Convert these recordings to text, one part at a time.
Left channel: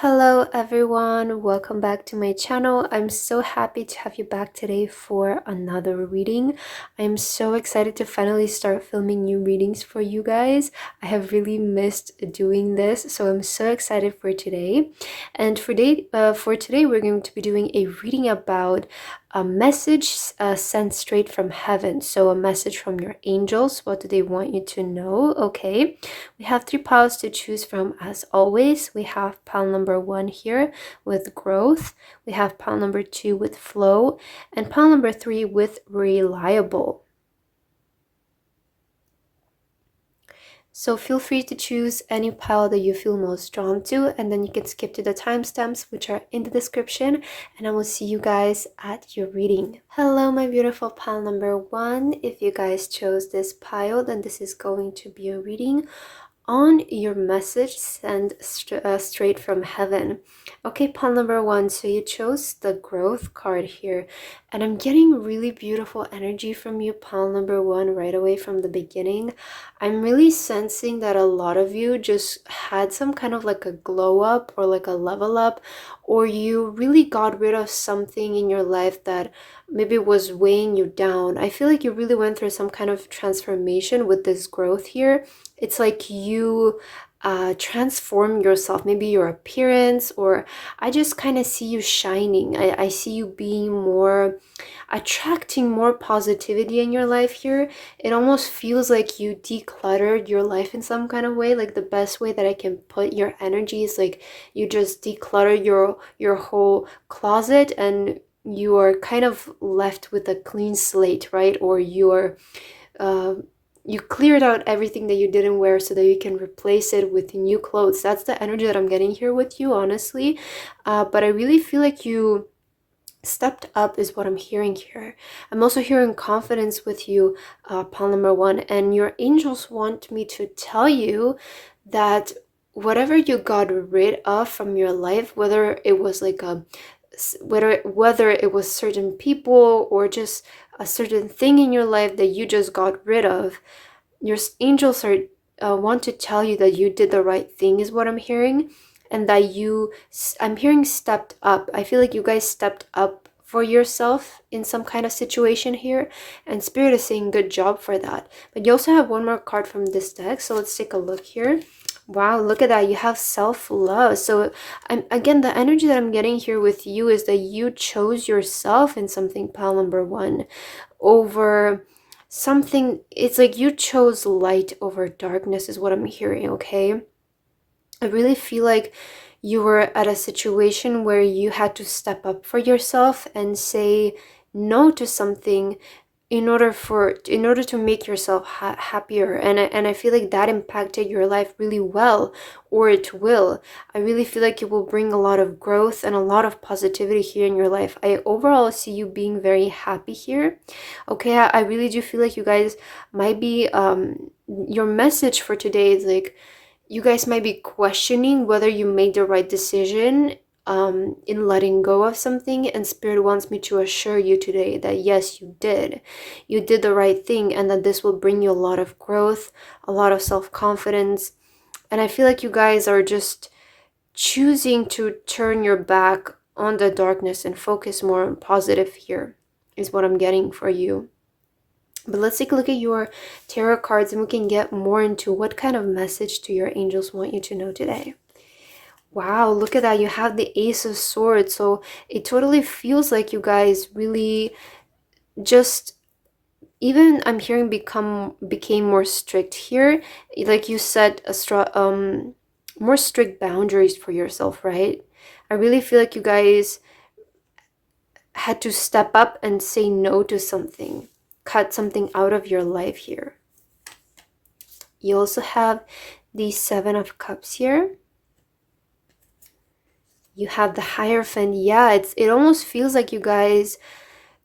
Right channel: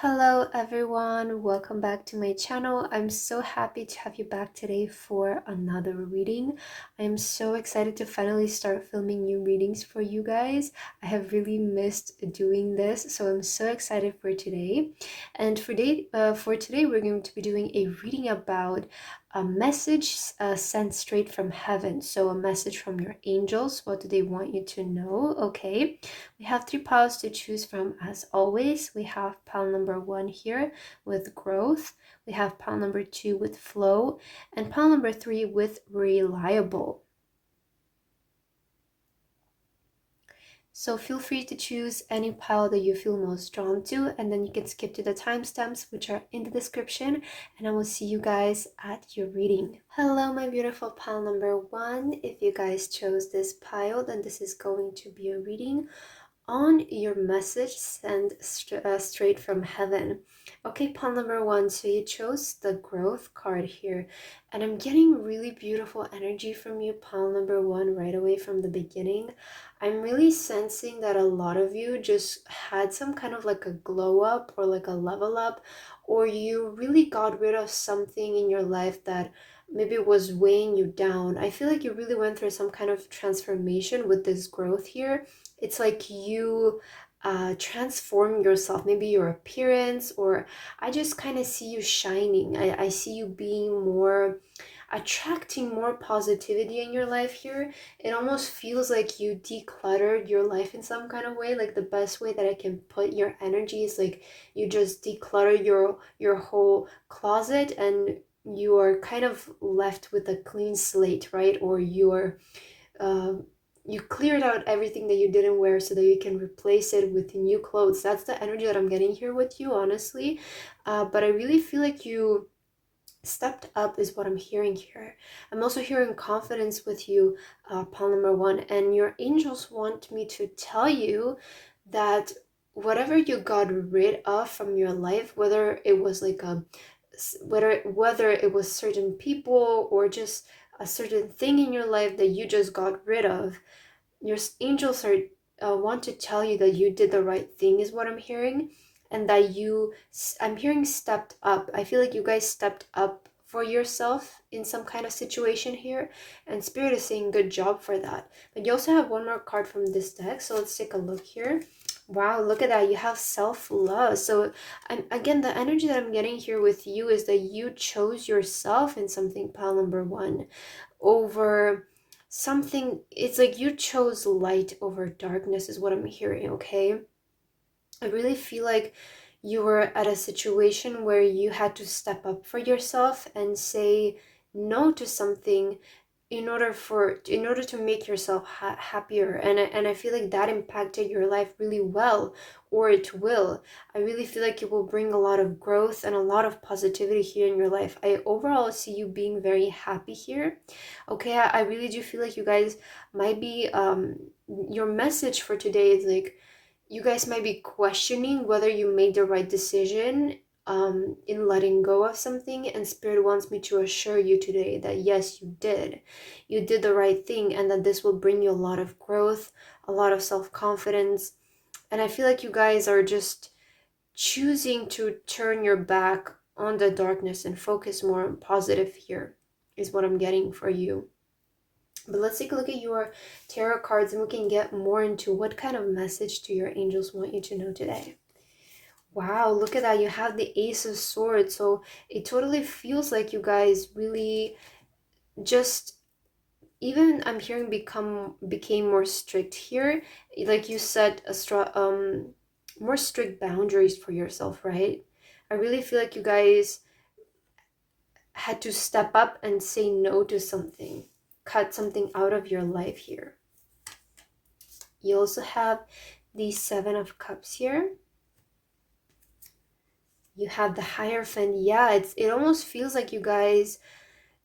Hello everyone, welcome back to my channel. I'm so happy to have you back today for another reading. I'm so excited to finally start filming new readings for you guys. I have really missed doing this, so I'm so excited for today. And for today, we're going to be doing a reading about a message sent straight from heaven. So a message from your angels. What do they want you to know? Okay. We have three piles to choose from as always. We have pile number 1 here with growth. We have pile number 2 with flow. And pile number 3 with reliable. So feel free to choose any pile that you feel most drawn to, and then you can skip to the timestamps which are in the description, and I will see you guys at your reading. Hello my beautiful pile number 1. If you guys chose this pile, then this is going to be a reading on your message sent straight from heaven. Okay, pile number 1, so you chose the growth card here, and I'm getting really beautiful energy from you, pile number 1, right away from the beginning. I'm really sensing that a lot of you just had some kind of like a glow up or like a level up, or you really got rid of something in your life that maybe was weighing you down. I feel like you really went through some kind of transformation with this growth here. It's like you transform yourself, maybe your appearance, or I just kind of see you shining. I see you being more, attracting more positivity in your life here. It almost feels like you decluttered your life in some kind of way. Like the best way that I can put your energy is like you just declutter your whole closet, and you are kind of left with a clean slate, right? Or you're you cleared out everything that you didn't wear so that you can replace it with new clothes. That's the energy that I'm getting here with you, honestly. But I really feel like you stepped up is what I'm hearing here. I'm also hearing confidence with you, pile number 1, and your angels want me to tell you that whatever you got rid of from your life, whether it was like a whether it was certain people or just a certain thing in your life that you just got rid of, your angels are want to tell you that you did the right thing is what I'm hearing, and that I'm hearing stepped up. I feel like you guys stepped up for yourself in some kind of situation here, and spirit is saying good job for that. But you also have one more card from this deck, so let's take a look here. Wow, look at that. You have self-love. So again, the energy that I'm getting here with you is that you chose yourself in something, pile number 1, over something. It's like you chose light over darkness is what I'm hearing. Okay, I really feel like you were at a situation where you had to step up for yourself and say no to something in order to make yourself happier, and I feel like that impacted your life really well, or it will. I really feel like it will bring a lot of growth and a lot of positivity here in your life. I overall see you being very happy here. Okay, I really do feel like you guys might be your message for today is like you guys might be questioning whether you made the right decision in letting go of something, and spirit wants me to assure you today that yes, you did the right thing, and that this will bring you a lot of growth, a lot of self-confidence. And I feel like you guys are just choosing to turn your back on the darkness and focus more on positive here is what I'm getting for you. But let's take a look at your tarot cards, and we can get more into what kind of message do your angels want you to know today. Wow, look at that. You have the Ace of Swords. So it totally feels like you guys really just, even I'm hearing became more strict here. Like you set more strict boundaries for yourself, right? I really feel like you guys had to step up and say no to something, cut something out of your life here. You also have the Seven of Cups here. You have the Hierophant. Yeah, it almost feels like you guys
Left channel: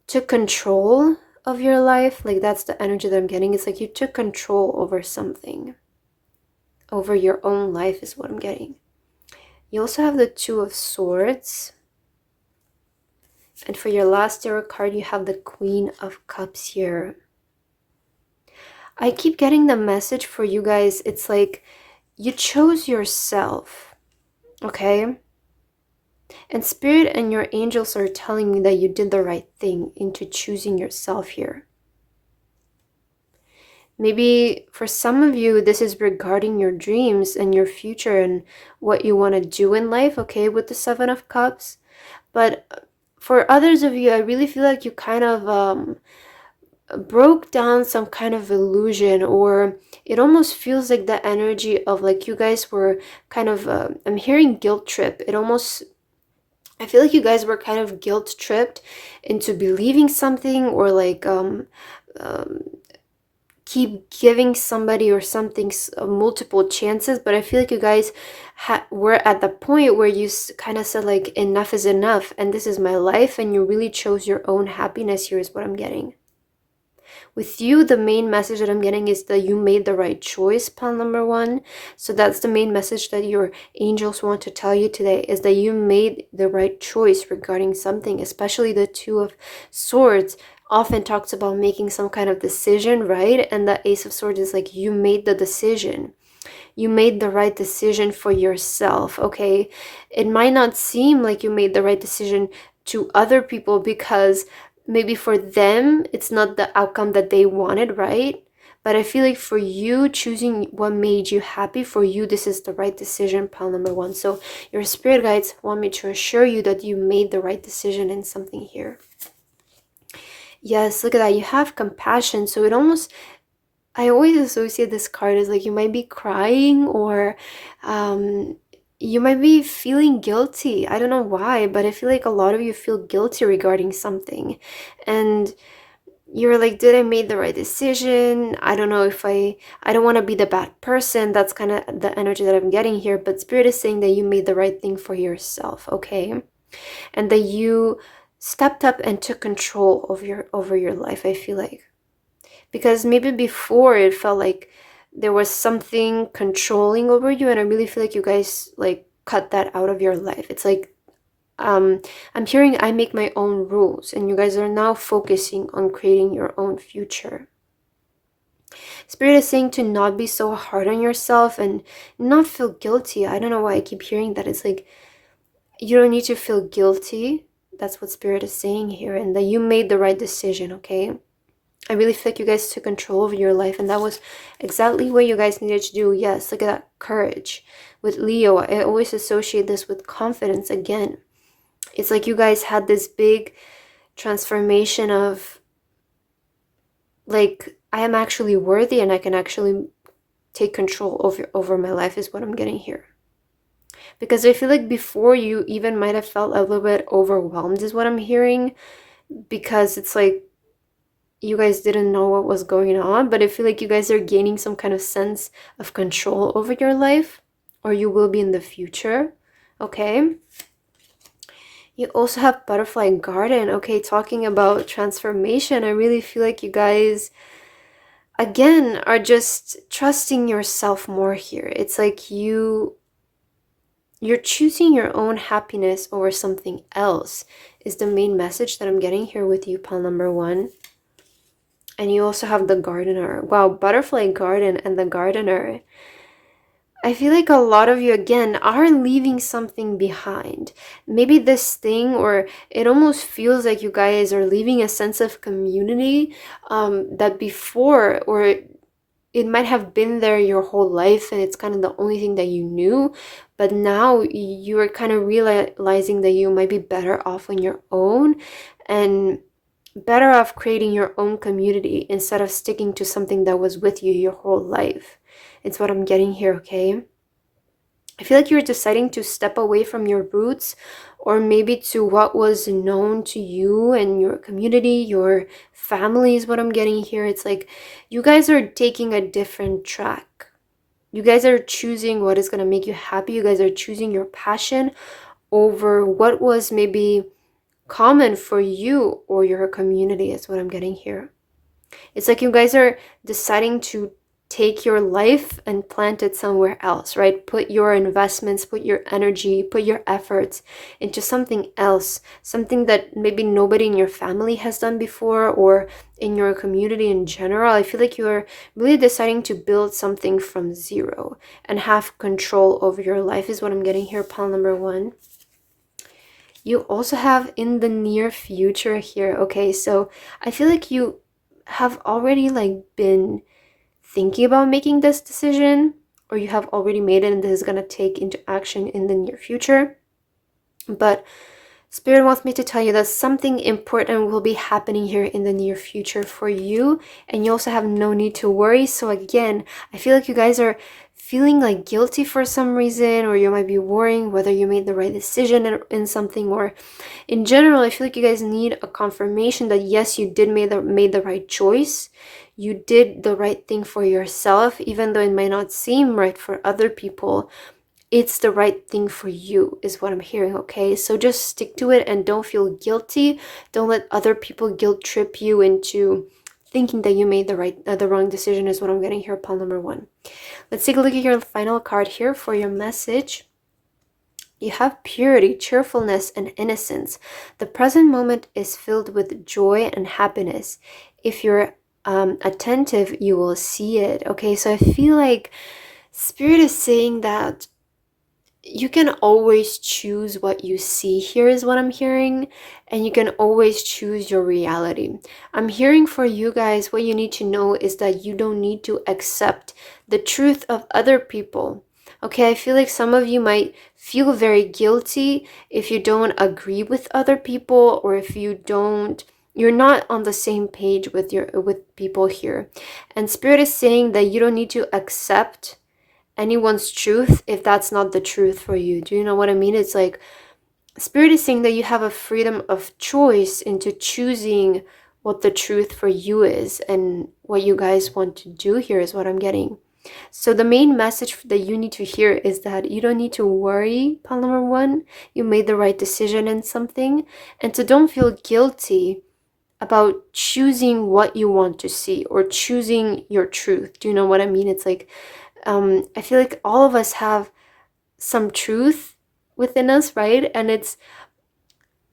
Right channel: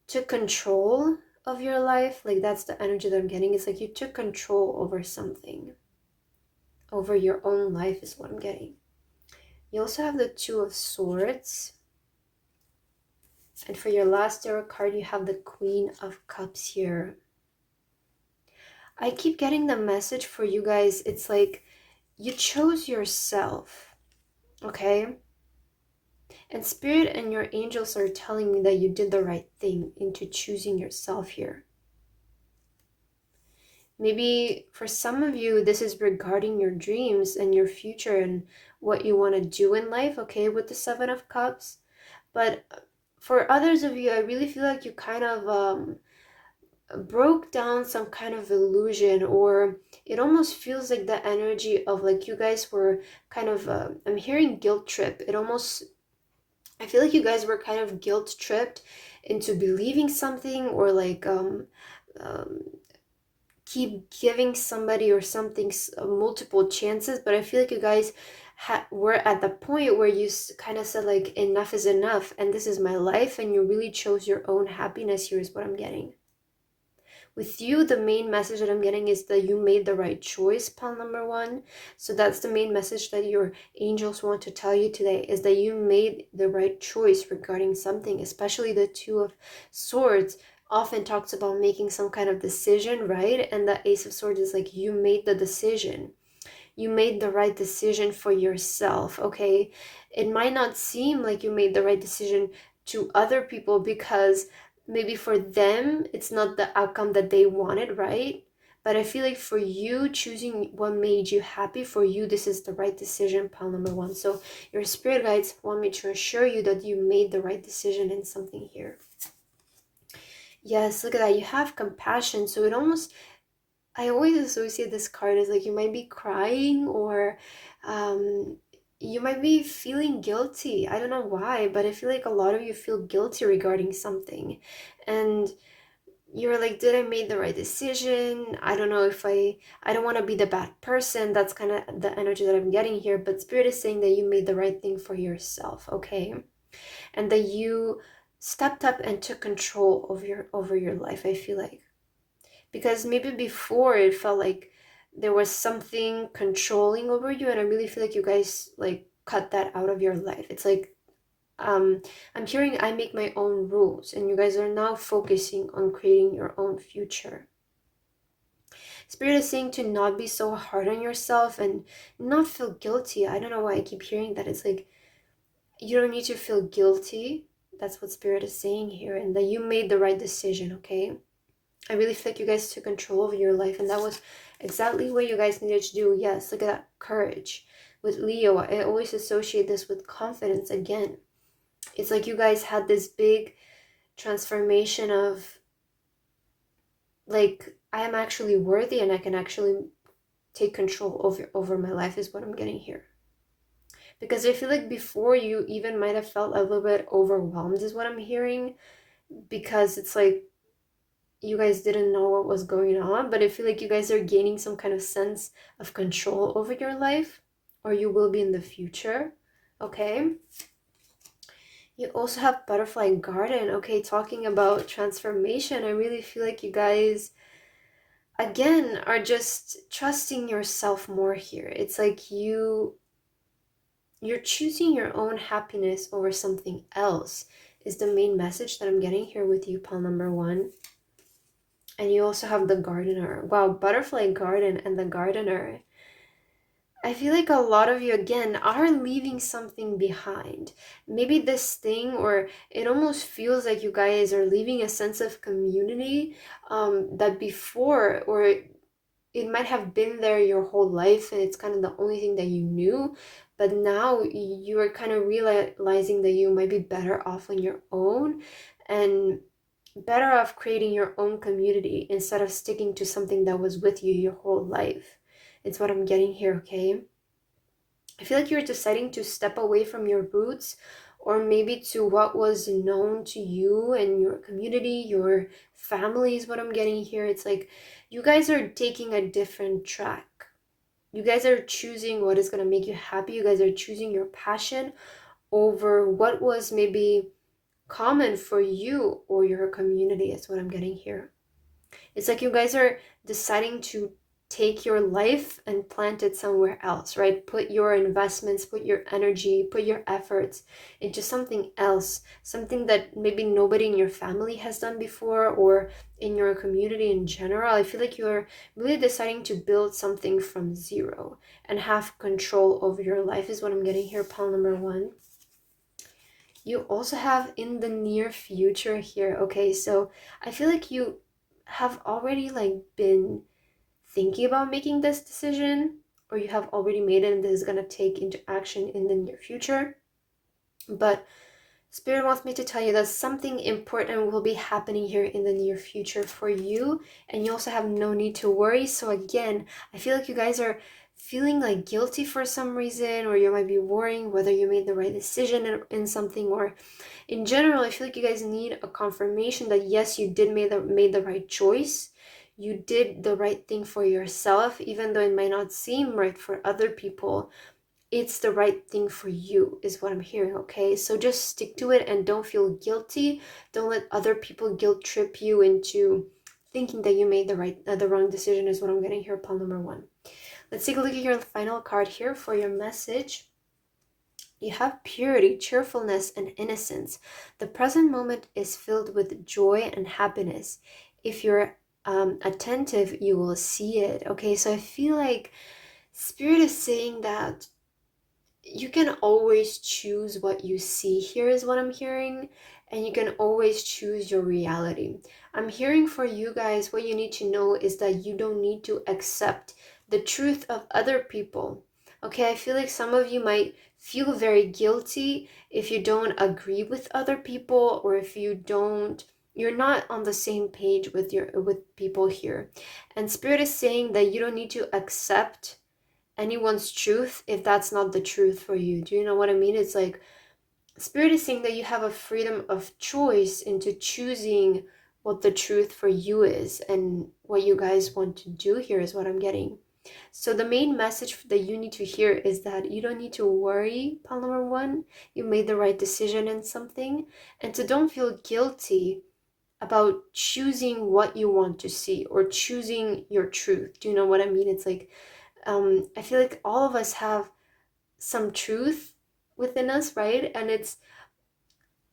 took control of your life. Like that's the energy that I'm getting. It's like you took control over something. Over your own life is what I'm getting. You also have the Two of Swords. And for your last tarot card, you have the Queen of Cups here. I keep getting the message for you guys. It's like you chose yourself. Okay? And Spirit and your angels are telling me that you did the right thing into choosing yourself here. Maybe for some of you, this is regarding your dreams and your future and what you want to do in life, okay, with the Seven of Cups. But for others of you, I really feel like you kind of broke down some kind of illusion, or it almost feels like the energy of like you guys were kind of, I'm hearing guilt trip. I feel like you guys were kind of guilt tripped into believing something, or like um keep giving somebody or something multiple chances. But I feel like you guys were at the point where you kind of said like, enough is enough and this is my life, and you really chose your own happiness here is what I'm getting. With you, the main message that I'm getting is that you made the right choice, pile number one. So that's the main message that your angels want to tell you today, is that you made the right choice regarding something, especially the Two of Swords often talks about making some kind of decision, right? And the Ace of Swords is like, you made the decision. You made the right decision for yourself, okay? It might not seem like you made the right decision to other people, because maybe for them it's not the outcome that they wanted, right? But I feel like for you, choosing what made you happy, for you this is the right decision, pile number one. So your spirit guides want me to assure you that you made the right decision in something here. Yes, look at that. You have compassion. So it almost, I always associate this card as like you might be crying, or you might be feeling guilty. I don't know why, but I feel like a lot of you feel guilty regarding something. And you're like, did I make the right decision? I don't know if I don't want to be the bad person. That's kind of the energy that I'm getting here. But Spirit is saying that you made the right thing for yourself, okay? And that you stepped up and took control over your life, I feel like. Because maybe before it felt like there was something controlling over you, and I really feel like you guys like cut that out of your life. It's like, I'm hearing I make my own rules, and you guys are now focusing on creating your own future. Spirit is saying to not be so hard on yourself and not feel guilty. I don't know why I keep hearing that. It's like, you don't need to feel guilty. That's what Spirit is saying here, and that you made the right decision, okay? I really feel like you guys took control of your life, and that was exactly what you guys needed to do. Yes, look at that courage. With Leo, I always associate this with confidence again. It's like you guys had this big transformation of like, I am actually worthy and I can actually take control over my life is what I'm getting here. Because I feel like before you even might have felt a little bit overwhelmed is what I'm hearing, because it's like you guys didn't know what was going on, but I feel like you guys are gaining some kind of sense of control over your life, or you will be in the future, okay? You also have Butterfly Garden, okay, talking about transformation. I really feel like you guys, again, are just trusting yourself more here. It's like you're choosing your own happiness over something else is the main message that I'm getting here with you, pile number one. And you also have the Gardener. Wow, Butterfly Garden and the Gardener. I feel like a lot of you, again, are leaving something behind. Maybe this thing, or it almost feels like you guys are leaving a sense of community that before, or it might have been there your whole life and it's kind of the only thing that you knew. But now you are kind of realizing that you might be better off on your own, and better off creating your own community instead of sticking to something that was with you your whole life. It's what I'm getting here, okay? I feel like you're deciding to step away from your roots, or maybe to what was known to you and your community, your family is what I'm getting here. It's like you guys are taking a different track. You guys are choosing what is going to make you happy. You guys are choosing your passion over what was maybe common for you or your community is what I'm getting here. It's like you guys are deciding to take your life and plant it somewhere else, right? Put your investments, put your energy, put your efforts into something else, something that maybe nobody in your family has done before, or in your community in general. I feel like you're really deciding to build something from zero and have control over your life is what I'm getting here, pile number one. You also have in the near future here. Okay, so I feel like you have already like been thinking about making this decision, or you have already made it and this is going to take into action in the near future. But Spirit wants me to tell you that something important will be happening here in the near future for you, and you also have no need to worry. So again, I feel like you guys are feeling like guilty for some reason, or you might be worrying whether you made the right decision in something, or in general, I feel like you guys need a confirmation that yes, you did made the right choice. You did the right thing for yourself, even though it might not seem right for other people. It's the right thing for you is what I'm hearing. Okay, so just stick to it and don't feel guilty. Don't let other people guilt trip you into thinking that you made the wrong decision is what I'm getting here. Pile number 1. Let's take a look at your final card here for your message. You have purity, cheerfulness, and innocence. The present moment is filled with joy and happiness. If you're attentive, you will see it. Okay, so I feel like Spirit is saying that you can always choose what you see here, is what I'm hearing, and you can always choose your reality. I'm hearing for you guys, what you need to know is that you don't need to accept the truth of other people. Okay, I feel like some of you might feel very guilty if you don't agree with other people, or if you're not on the same page with people here. And Spirit is saying that you don't need to accept anyone's truth if that's not the truth for you. Do you know what I mean? It's like Spirit is saying that you have a freedom of choice into choosing what the truth for you is, and what you guys want to do here is what I'm getting. So the main message that you need to hear is that you don't need to worry, pile number 1. You made the right decision in something, and so don't feel guilty about choosing what you want to see or choosing your truth. Do you know what I mean? It's like I feel like all of us have some truth within us, right? And it's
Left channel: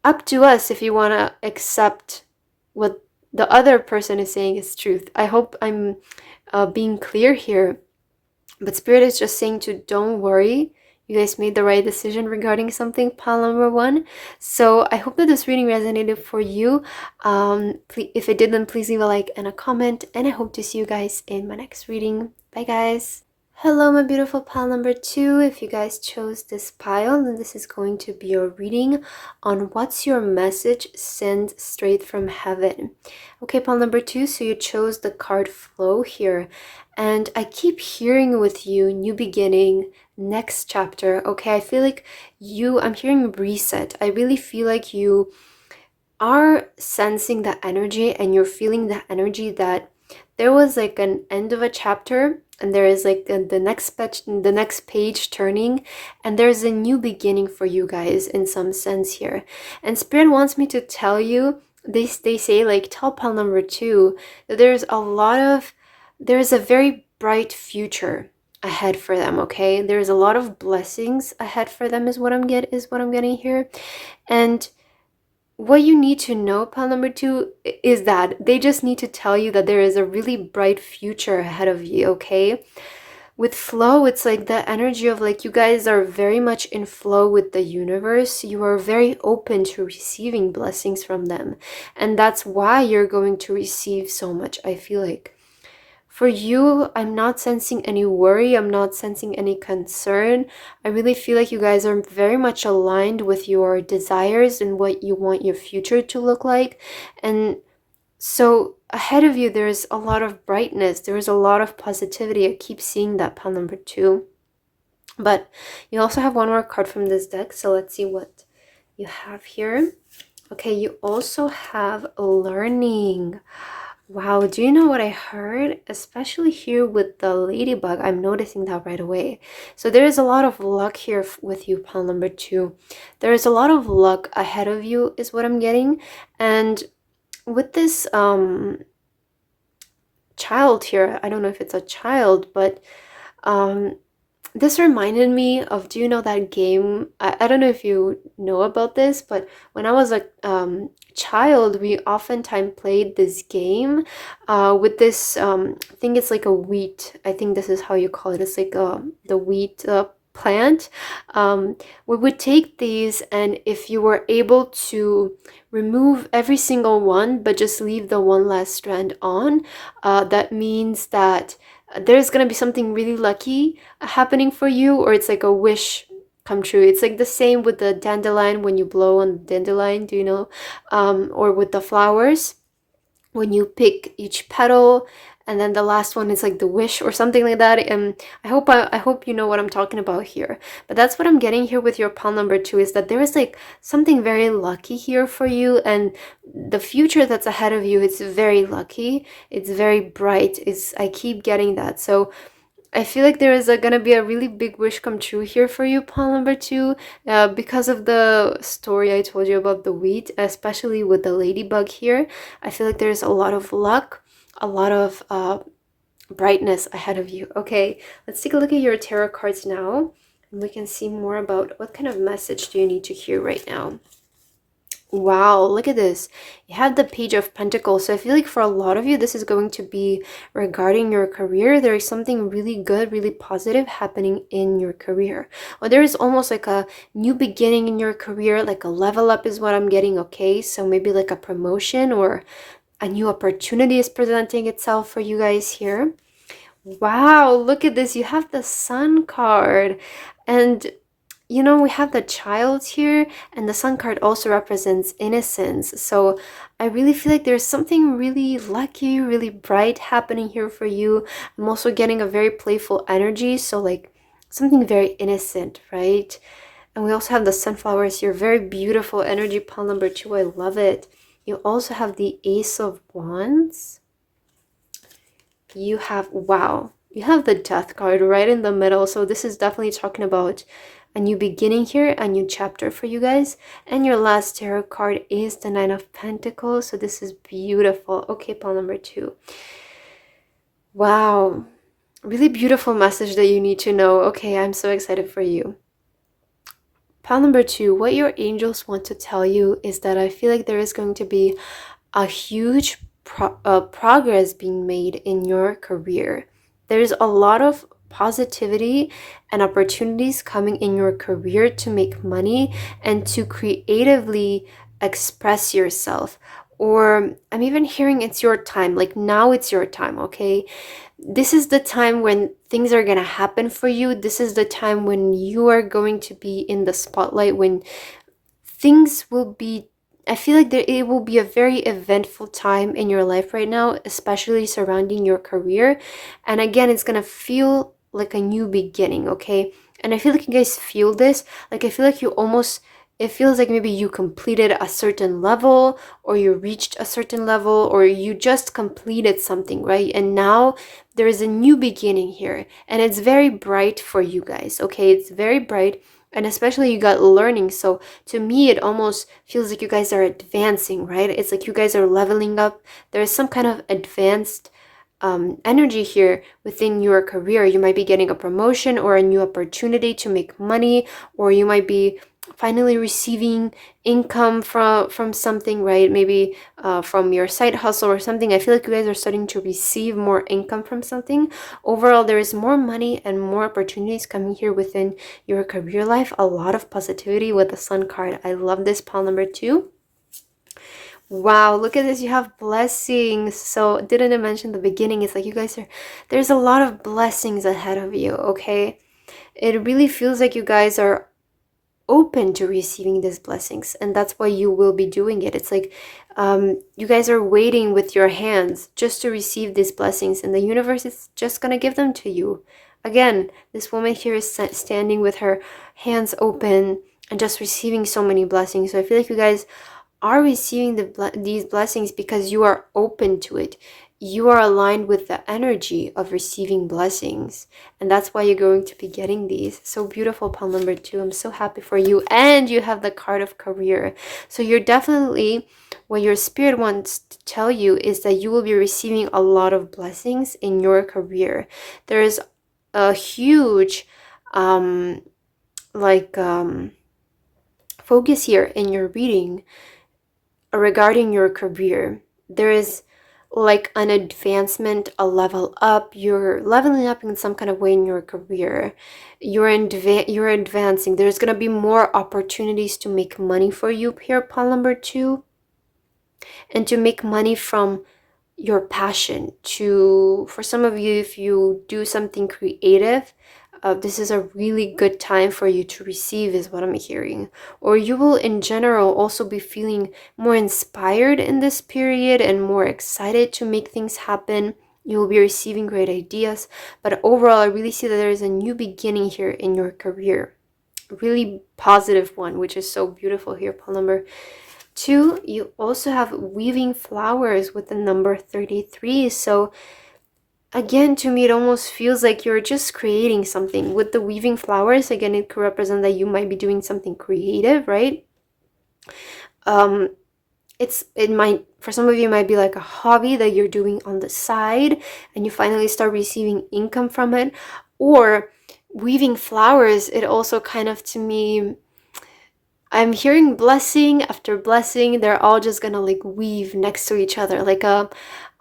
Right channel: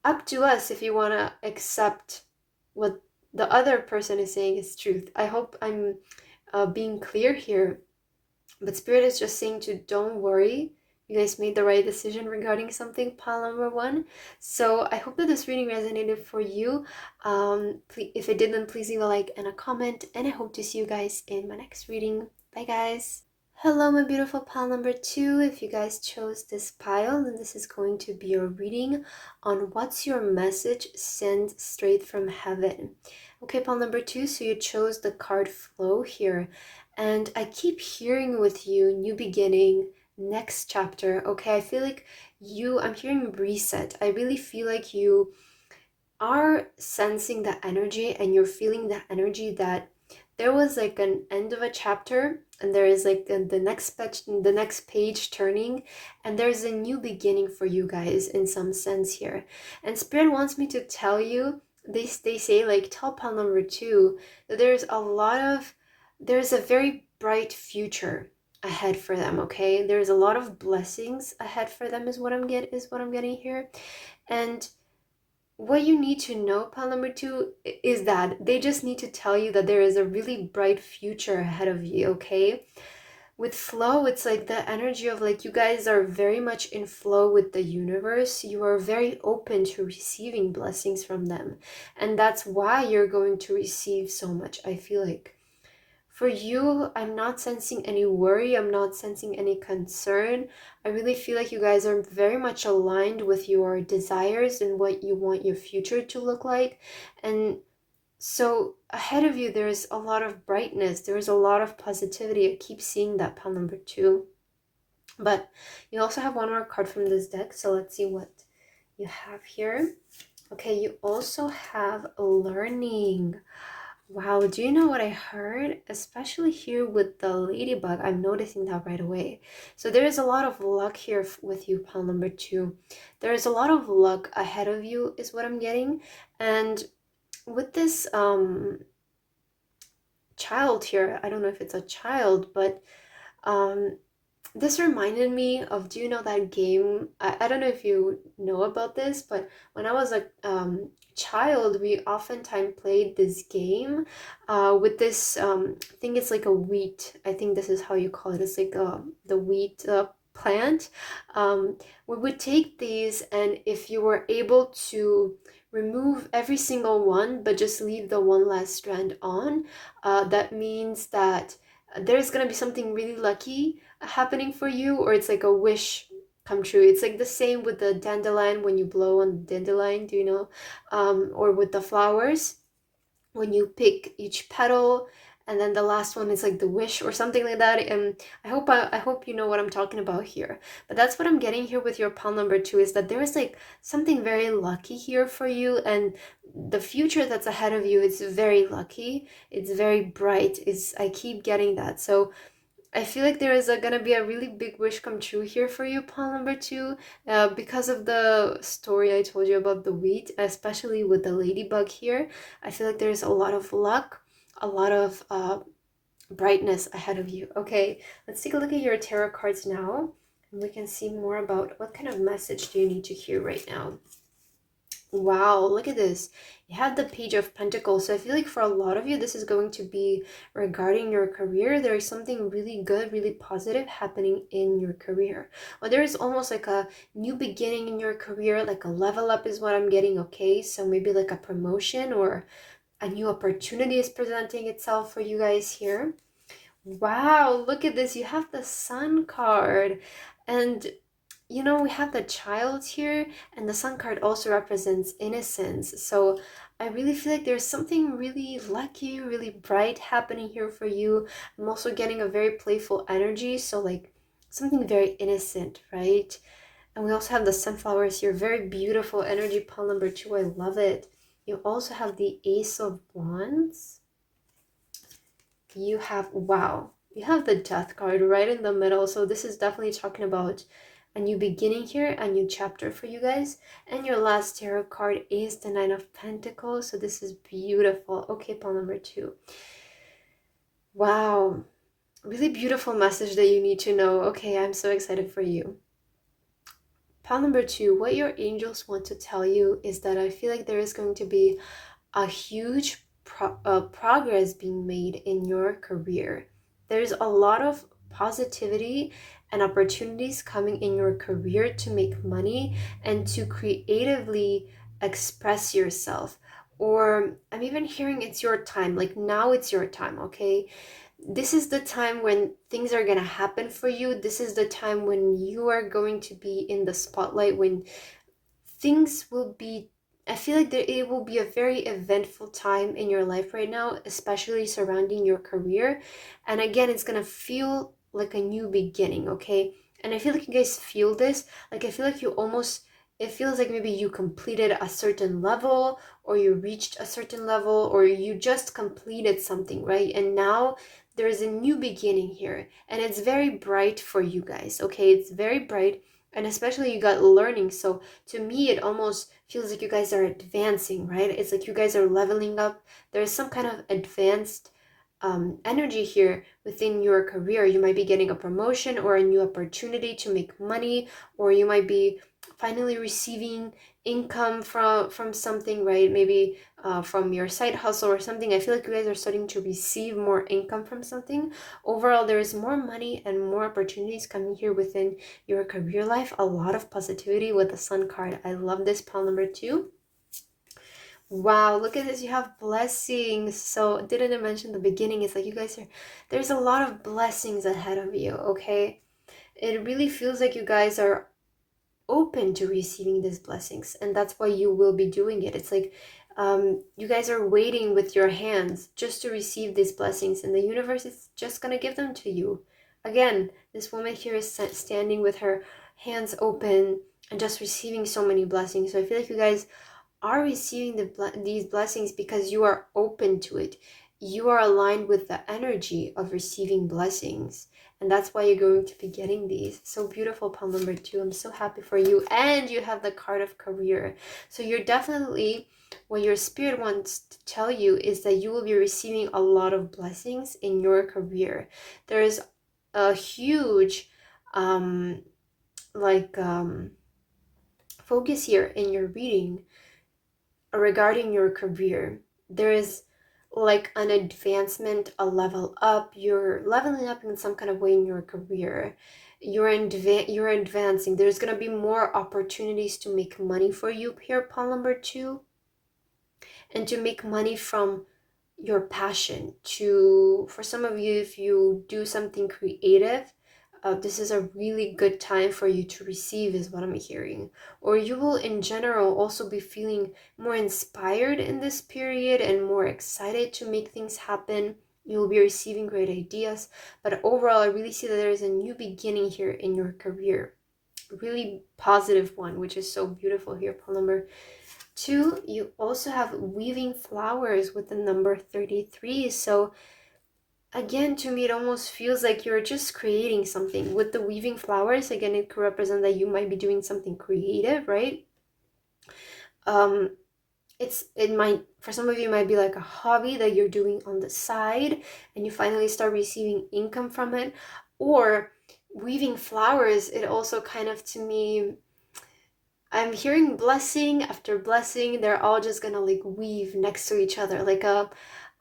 up to us if you want to accept what the other person is saying is truth. I hope I'm being clear here. But Spirit is just saying to don't worry. You guys made the right decision regarding something, pile number 1. So I hope that this reading resonated for you. If it did, then please leave a like and a comment. And I hope to see you guys in my next reading. Bye, guys. Hello, my beautiful pile number 2. If you guys chose this pile, then this is going to be a reading on what's your message sent straight from heaven. Okay, pile number 2, so you chose the card Flow here. And I keep hearing with you, new beginning, next chapter. Okay, I feel like I'm hearing reset. I really feel like you are sensing that energy, and you're feeling that energy that there was like an end of a chapter, and there is like the next page turning, and there's a new beginning for you guys in some sense here. And Spirit wants me to tell you, they say, like, tell pile number 2 that there's a very bright future ahead for them. Okay, there's a lot of blessings ahead for them is what I'm getting here. And what you need to know, pile number 2, is that they just need to tell you that there is a really bright future ahead of you. Okay, with flow, it's like the energy of like you guys are very much in flow with the universe. You are very open to receiving blessings from them, and that's why you're going to receive so much. I feel like for you, I'm not sensing any worry. I'm not sensing any concern. I really feel like you guys are very much aligned with your desires and what you want your future to look like. And so ahead of you, there's a lot of brightness. There's a lot of positivity. I keep seeing that, pile number 2. But you also have one more card from this deck. So let's see what you have here. Okay, you also have learning. Wow, do you know what I heard? Especially here with the ladybug, I'm noticing that right away. So there is a lot of luck here with you, pile number 2. There is a lot of luck ahead of you is what I'm getting. And with this child here, I don't know if it's a child, but this reminded me of, do you know that game? I don't know if you know about this, but when I was a child, we oftentimes played this game with this I think it's like a wheat. I think this is how you call it. It's like the wheat plant. We would take these, and if you were able to remove every single one but just leave the one last strand on, that means that there's gonna be something really lucky happening for you, or it's like a wish come true. It's like the same with the dandelion, when you blow on the dandelion, do you know? Or with the flowers, when you pick each petal, and then the last one is like the wish or something like that. And I hope you know what I'm talking about here. But that's what I'm getting here with your pile number 2, is that there is like something very lucky here for you, and the future that's ahead of you, it's very lucky, it's very bright. It's, I keep getting that. So I feel like there is gonna be a really big wish come true here for you, pile number 2, because of the story I told you about the wheat, especially with the ladybug here. I feel like there's a lot of luck, a lot of brightness ahead of you. Okay, let's take a look at your tarot cards now, and we can see more about what kind of message do you need to hear right now. Wow, look at this. You have the Page of Pentacles. So I feel like for a lot of you, this is going to be regarding your career. There is something really good, really positive happening in your career. Or there is almost like a new beginning in your career, like a level up is what I'm getting, okay? So maybe like a promotion or a new opportunity is presenting itself for you guys here. Wow, look at this. You have the Sun card. And you know, we have the child here, and the Sun card also represents innocence. So I really feel like there's something really lucky, really bright happening here for you. I'm also getting a very playful energy, so like something very innocent, right? And we also have the sunflowers here, very beautiful energy, pile number 2. I love it. You also have the Ace of Wands. You have, wow, you have the Death card right in the middle. So this is definitely talking about a new beginning here, a new chapter for you guys. And your last tarot card is the Nine of Pentacles. So this is beautiful. Okay, pile number 2. Wow, really beautiful message that you need to know. Okay, I'm so excited for you. Pile number 2, what your angels want to tell you is that I feel like there is going to be a huge progress being made in your career. There's a lot of positivity and opportunities coming in your career to make money and to creatively express yourself. Or I'm even hearing it's your time, like now it's your time, okay? This is the time when things are going to happen for you. This is the time when you are going to be in the spotlight, when things will be, I feel like it will be a very eventful time in your life right now, especially surrounding your career. And again, it's gonna feel like a new beginning, okay? And I feel like you guys feel this. Like I feel like you almost, it feels like maybe you completed a certain level, or you reached a certain level, or you just completed something, right? And now there is a new beginning here, and it's very bright for you guys, okay? It's very bright. And especially you got learning. So to me, it almost feels like you guys are advancing, right? It's like you guys are leveling up. There's some kind of advanced energy here within your career. You might be getting a promotion or a new opportunity to make money, or you might be finally receiving income from something, right? Maybe from your side hustle or something. I feel like you guys are starting to receive more income from something. Overall, there is more money and more opportunities coming here within your career life. A lot of positivity with the Sun card. I love this, pile number 2. Wow, look at this. You have blessings. So didn't I mention the beginning? It's like you guys are, there's a lot of blessings ahead of you, okay? It really feels like you guys are open to receiving these blessings, and that's why you will be doing it. It's like you guys are waiting with your hands just to receive these blessings, and the universe is just gonna give them to you. Again, this woman here is standing with her hands open and just receiving so many blessings. So I feel like you guys are receiving these blessings because you are open to it. You are aligned with the energy of receiving blessings, and that's why you're going to be getting these. So beautiful, pile number 2. I'm so happy for you. And you have the card of career. So you're definitely, what your spirit wants to tell you is that you will be receiving a lot of blessings in your career. There is a huge focus here in your reading regarding your career. There is like an advancement, a level up. You're leveling up in some kind of way in your career. You're advancing. There's gonna be more opportunities to make money for you here, pile number two, and to make money from your passion. To, for some of you, if you do something creative, this is a really good time for you to receive, is what I'm hearing. Or you will in general also be feeling more inspired in this period and more excited to make things happen. You will be receiving great ideas, but overall I really see that there is a new beginning here in your career, a really positive one, which is so beautiful here, Paul number two. You also have weaving flowers with the number 33. So again, to me, it almost feels like you're just creating something. With the weaving flowers, again, it could represent that you might be doing something creative, right? It might, for some of you, it might be like a hobby that you're doing on the side and you finally start receiving income from it. Or weaving flowers, it also kind of, to me, I'm hearing blessing after blessing. They're all just gonna like weave next to each other, like a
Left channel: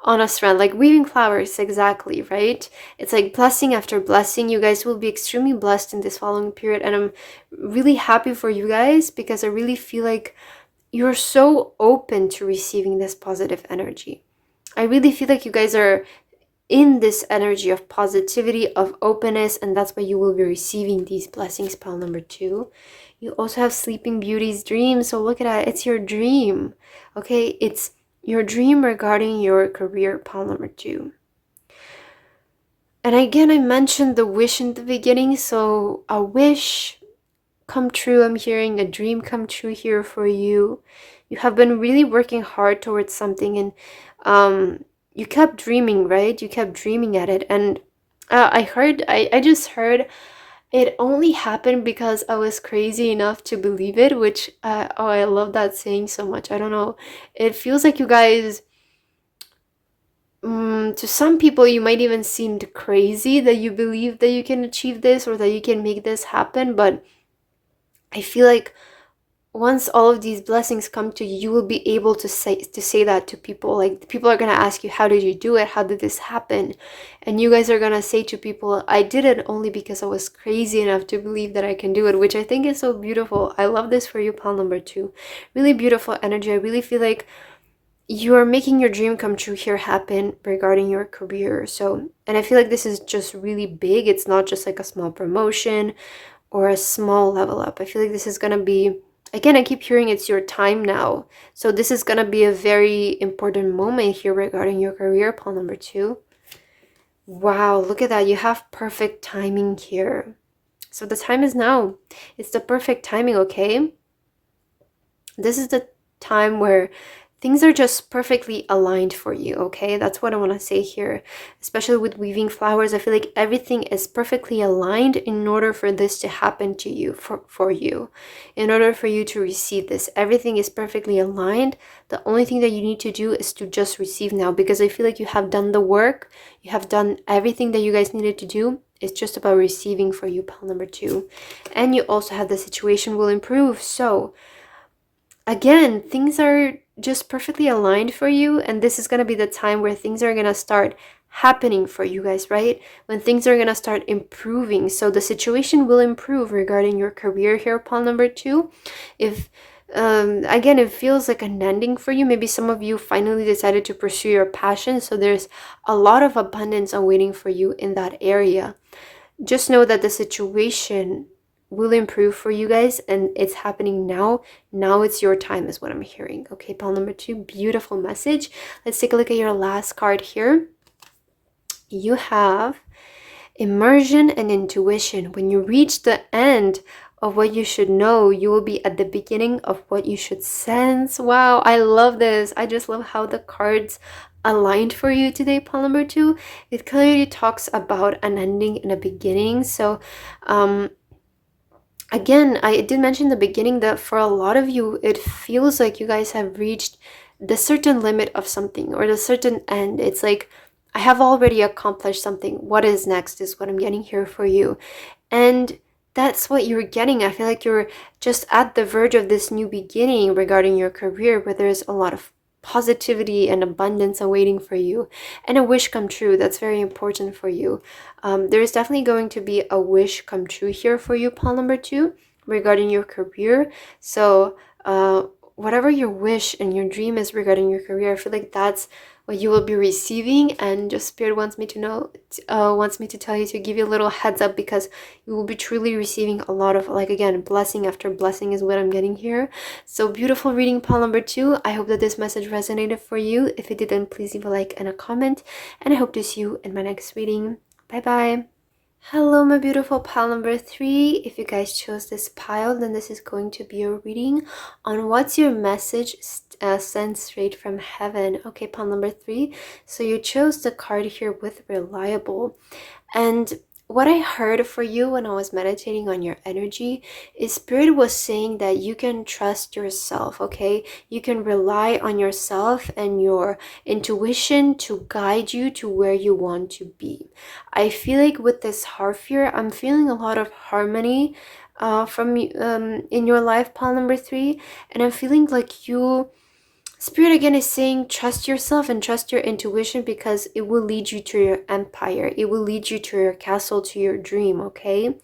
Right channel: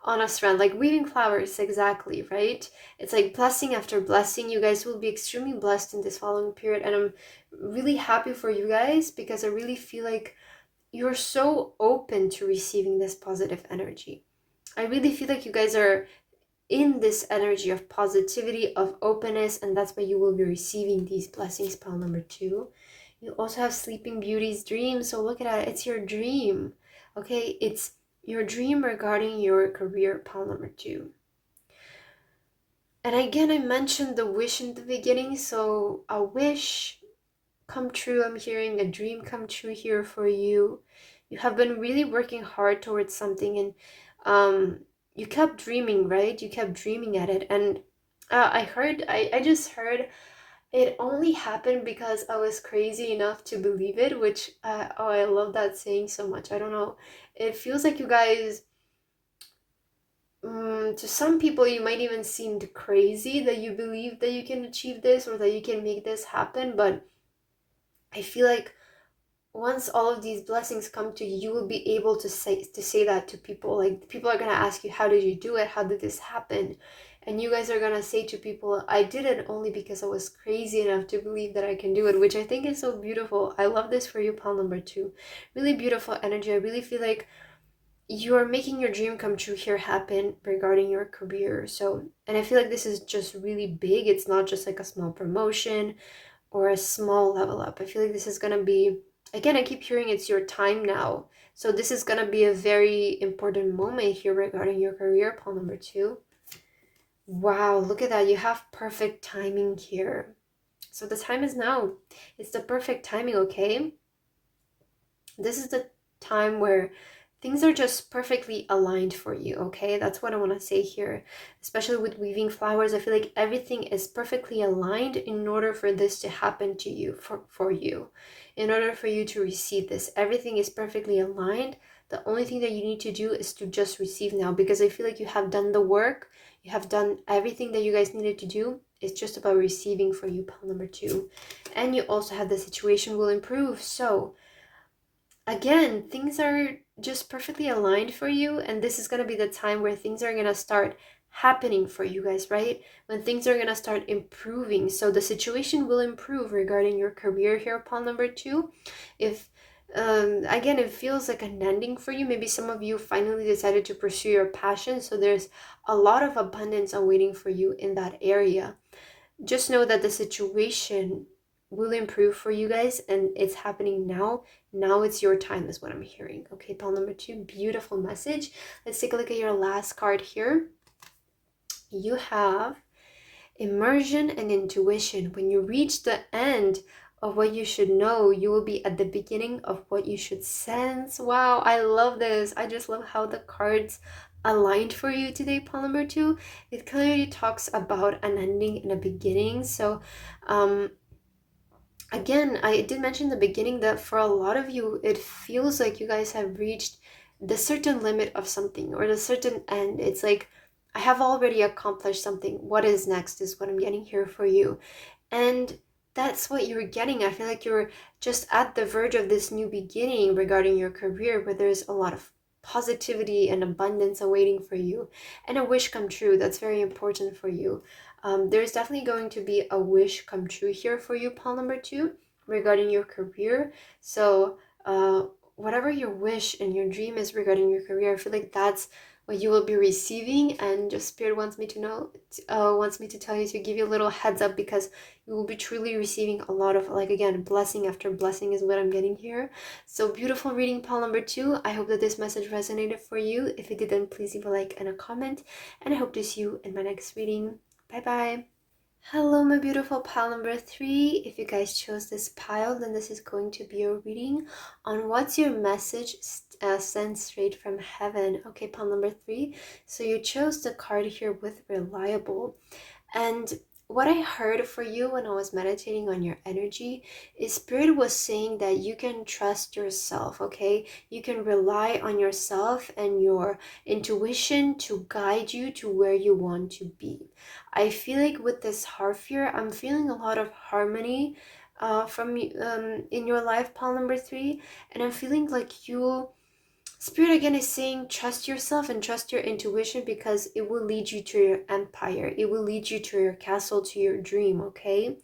on a strand, like weaving flowers, exactly, right? It's like blessing after blessing. You guys will be extremely blessed in this following period, and I'm really happy for you guys because I really feel like you're so open to receiving this positive energy. I really feel like you guys are in this energy of positivity, of openness, and that's why you will be receiving these blessings, pile number two. You also have Sleeping Beauty's dream. So look at that. It's your dream. Okay, it's your dream regarding your career, pile number two. And again, I mentioned the wish in the beginning. So a wish come true. I'm hearing a dream come true here for you. You have been really working hard towards something, and you kept dreaming, right? You kept dreaming at it. And I just heard it only happened because I was crazy enough to believe it, which, oh, I love that saying so much. I don't know. It feels like you guys, to some people, you might even seem crazy that you believe that you can achieve this or that you can make this happen. But I feel like once all of these blessings come to you, you will be able to say that to people. Like, people are going to ask you, how did you do it? How did this happen? And you guys are going to say to people, I did it only because I was crazy enough to believe that I can do it, which I think is so beautiful. I love this for you, pile number two. Really beautiful energy. I really feel like you are making your dream come true here happen regarding your career. So, and I feel like this is just really big. It's not just like a small promotion or a small level up. I feel like this is going to be, again, I keep hearing it's your time now. So this is going to be a very important moment here regarding your career, pile number two. Wow, look at that. You have perfect timing here. So the time is now. It's the perfect timing, okay? This is the time where things are just perfectly aligned for you, okay? That's what I want to say here. Especially with weaving flowers, I feel like everything is perfectly aligned in order for this to happen to you, for you. In order for you to receive this, everything is perfectly aligned. The only thing that you need to do is to just receive now, because I feel like you have done the work. You have done everything that you guys needed to do. It's just about receiving for you, pile number two. And you also have the situation will improve. So again, things are just perfectly aligned for you, and this is going to be the time where things are going to start happening for you guys, right? When things are going to start improving. So the situation will improve regarding your career here, pile number two. If again, it feels like an ending for you. Maybe some of you finally decided to pursue your passion, so there's a lot of abundance awaiting for you in that area. Just know that the situation will improve for you guys, and it's happening now. Now it's your time, is what I'm hearing. Okay, pile number two, beautiful message. Let's take a look at your last card here. You have immersion and intuition. When you reach the end of what you should know, you will be at the beginning of what you should sense. Wow, I love this. I just love how the cards aligned for you today, pile number two. It clearly talks about an ending and a beginning. So again, I did mention in the beginning that for a lot of you, it feels like you guys have reached the certain limit of something or the certain end. It's like, I have already accomplished something. What is next is what I'm getting here for you. And that's what you're getting. I feel like you're just at the verge of this new beginning regarding your career, where there's a lot of positivity and abundance awaiting for you, and a wish come true that's very important for you. There's definitely going to be a wish come true here for you, pile number 2, regarding your career. So whatever your wish and your dream is regarding your career, I feel like that's what you will be receiving. And just spirit wants me to know, wants me to tell you, to give you a little heads up, because you will be truly receiving a lot of, like, again, blessing after blessing is what I'm getting here. So beautiful reading, pile number 2. I hope that this message resonated for you. If it didn't, please leave a like and a comment, and I hope to see you in my next reading. Bye bye. Hello, my beautiful pile number 3. If you guys chose this pile, then this is going to be a reading on what's your message sent straight from heaven. Okay, pile number 3. So you chose the card here with reliable. And what I heard for you when I was meditating on your energy is Spirit was saying that you can trust yourself, okay? You can rely on yourself and your intuition to guide you to where you want to be. I feel like with this heart fear, I'm feeling a lot of harmony from in your life, pile number 3. And I'm feeling like you... Spirit again is saying trust yourself and trust your intuition, because it will lead you to your empire. It will lead you to your castle, to your dream, okay?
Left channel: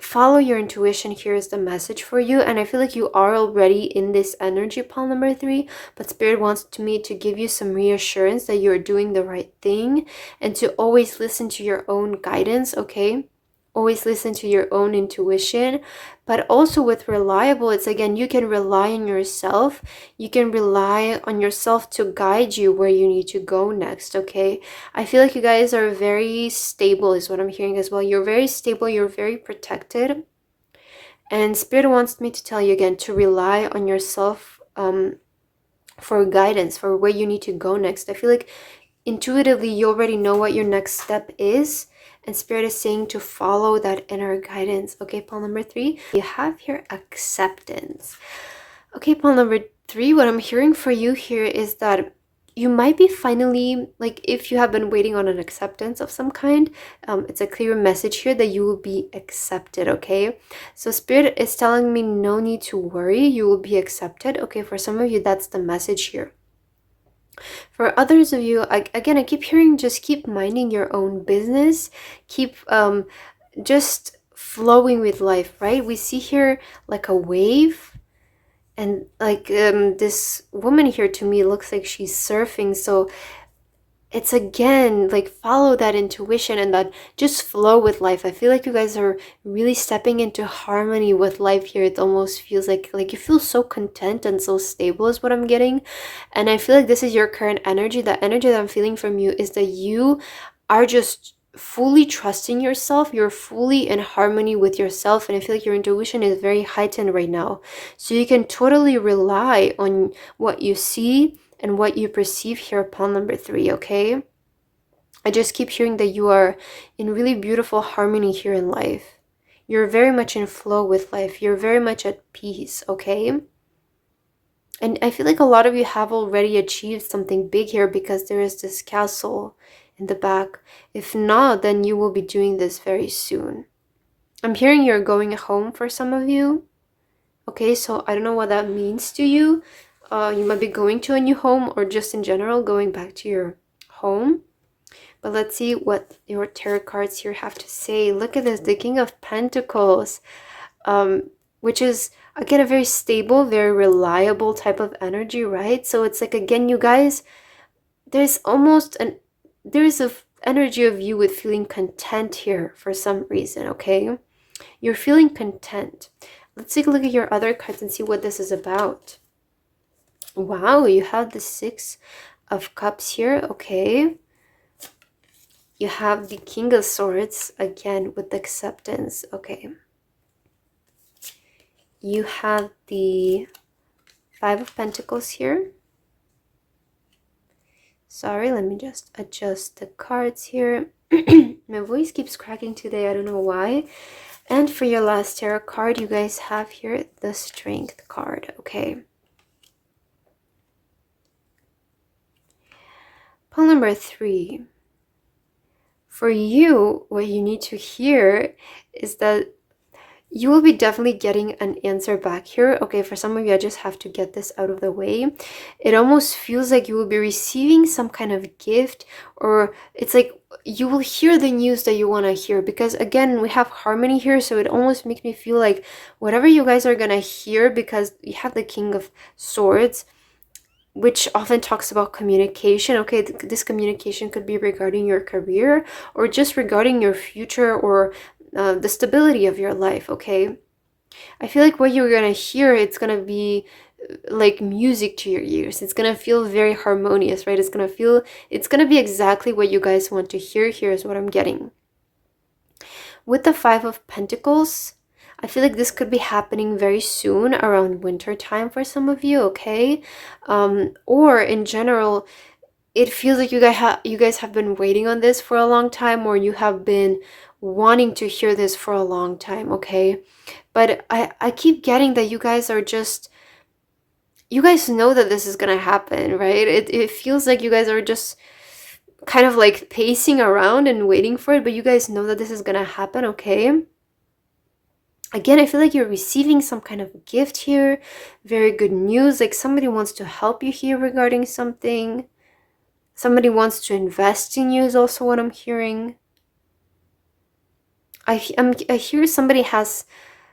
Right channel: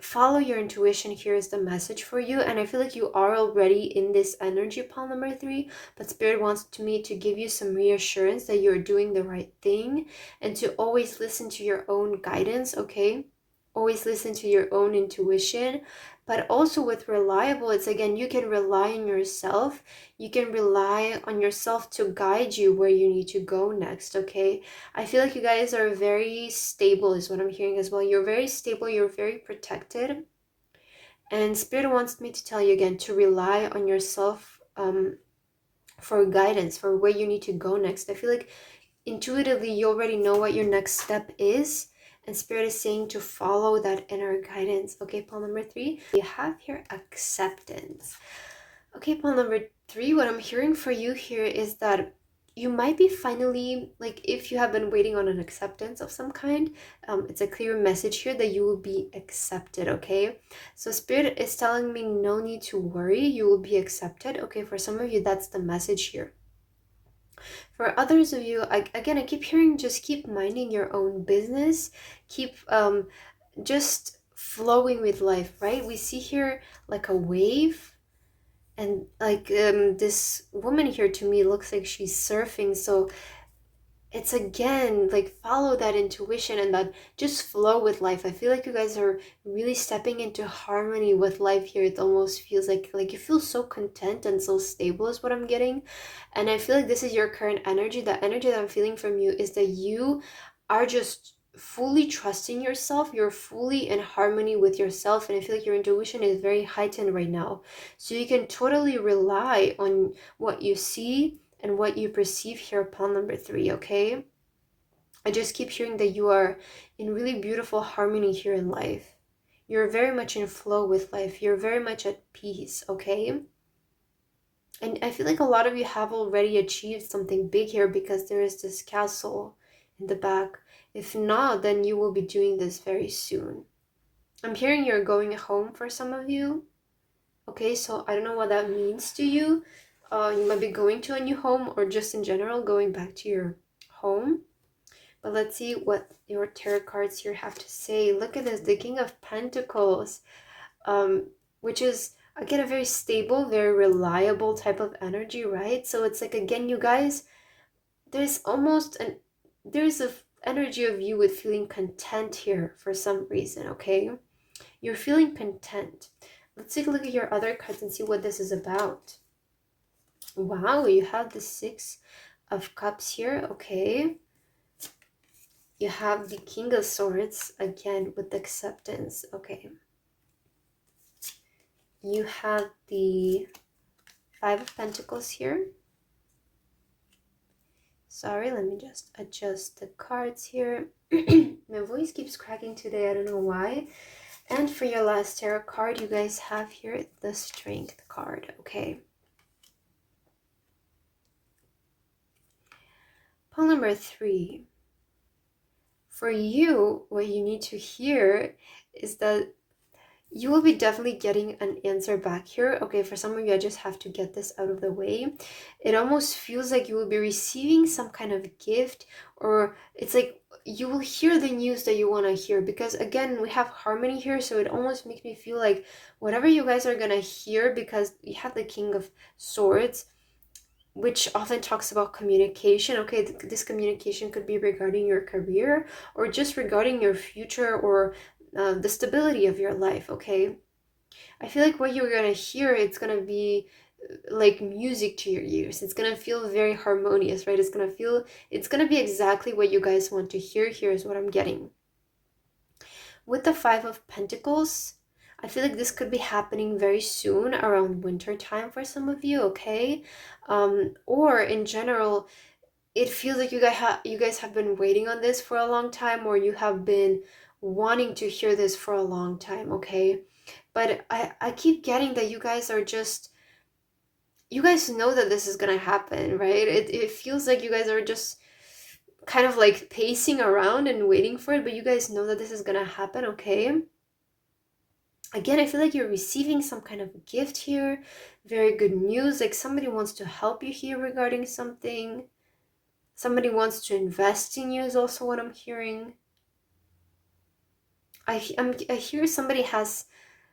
Follow your intuition here is the message for you. And I feel like you are already in this energy, pile number 3, but Spirit wants me to give you some reassurance that you're doing the right thing, and to always listen to your own guidance, okay? Always listen to your own intuition. But also with reliable, it's again, you can rely on yourself. You can rely on yourself to guide you where you need to go next, okay? I feel like you guys are very stable is what I'm hearing as well. You're very stable, you're very protected. And Spirit wants me to tell you again to rely on yourself for guidance, for where you need to go next. I feel like intuitively you already know what your next step is, and Spirit is saying to follow that inner guidance. Okay, pile number 3, you have here acceptance. Okay, pile number 3, what I'm hearing for you here is that you might be finally, like, if you have been waiting on an acceptance of some kind, it's a clear message here that you will be accepted, okay? So Spirit is telling me no need to worry, you will be accepted. Okay, for some of you, that's the message here. For others of you, I keep hearing just keep minding your own business. Keep just flowing with life, right? We see here like a wave, and like this woman here to me looks like she's surfing. So it's again like follow that intuition and that just flow with life. I feel like you guys are really stepping into harmony with life here. It almost feels like you feel so content and so stable is what I'm getting. And I feel like this is your current energy. The energy that I'm feeling from you is that you are just fully trusting yourself. You're fully in harmony with yourself, and I feel like your intuition is very heightened right now, so you can totally rely on what you see and what you perceive here upon number 3, okay? I just keep hearing that you are in really beautiful harmony here in life. You're very much in flow with life. You're very much at peace, okay? And I feel like a lot of you have already achieved something big here, because there is this castle in the back. If not, then you will be doing this very soon. I'm hearing you're going home for some of you. Okay, so I don't know what that means to you. You might be going to a new home, or just in general going back to your home. But let's see what your tarot cards here have to say. Look at this, the King of Pentacles, which is again a very stable, very reliable type of energy, right? So it's like, again, you guys, there's a energy of you with feeling content here for some reason, okay? You're feeling content. Let's take a look at your other cards and see what this is about. Wow, you have the 6 of Cups here, okay. You have the King of Swords, again, with acceptance, okay. You have the 5 of Pentacles here. Sorry, let me just adjust the cards here. My voice keeps cracking today, I don't know why. And for your last tarot card, you guys have here the Strength card, okay. Pile number 3. For you, what you need to hear is that You will be definitely getting an answer back here. Okay, for some of you, I just have to get this out of the way. It almost feels like you will be receiving some kind of gift, or it's like you will hear the news that you want to hear, because again, we have harmony here, so it almost makes me feel like whatever you guys are gonna hear, because you have the King of Swords, which often talks about communication. Okay, this communication could be regarding your career or just regarding your future, or the stability of your life. Okay, I feel like what you're gonna hear, it's gonna be like music to your ears. It's gonna feel very harmonious, right? It's gonna be exactly what you guys want to hear. Here's what I'm getting. With the Five of Pentacles, I feel like this could be happening very soon, around winter time for some of you, okay? Or in general, it feels like you guys have been waiting on this for a long time, or you have been wanting to hear this for a long time, okay? But I keep getting that you guys know that this is gonna happen, right? It feels like you guys are just kind of like pacing around and waiting for it, but you guys know that this is gonna happen, okay? Again, I feel like you're receiving some kind of gift here, very good news, like somebody wants to help you here regarding something. Somebody wants to invest in you is also what I'm hearing. I hear somebody has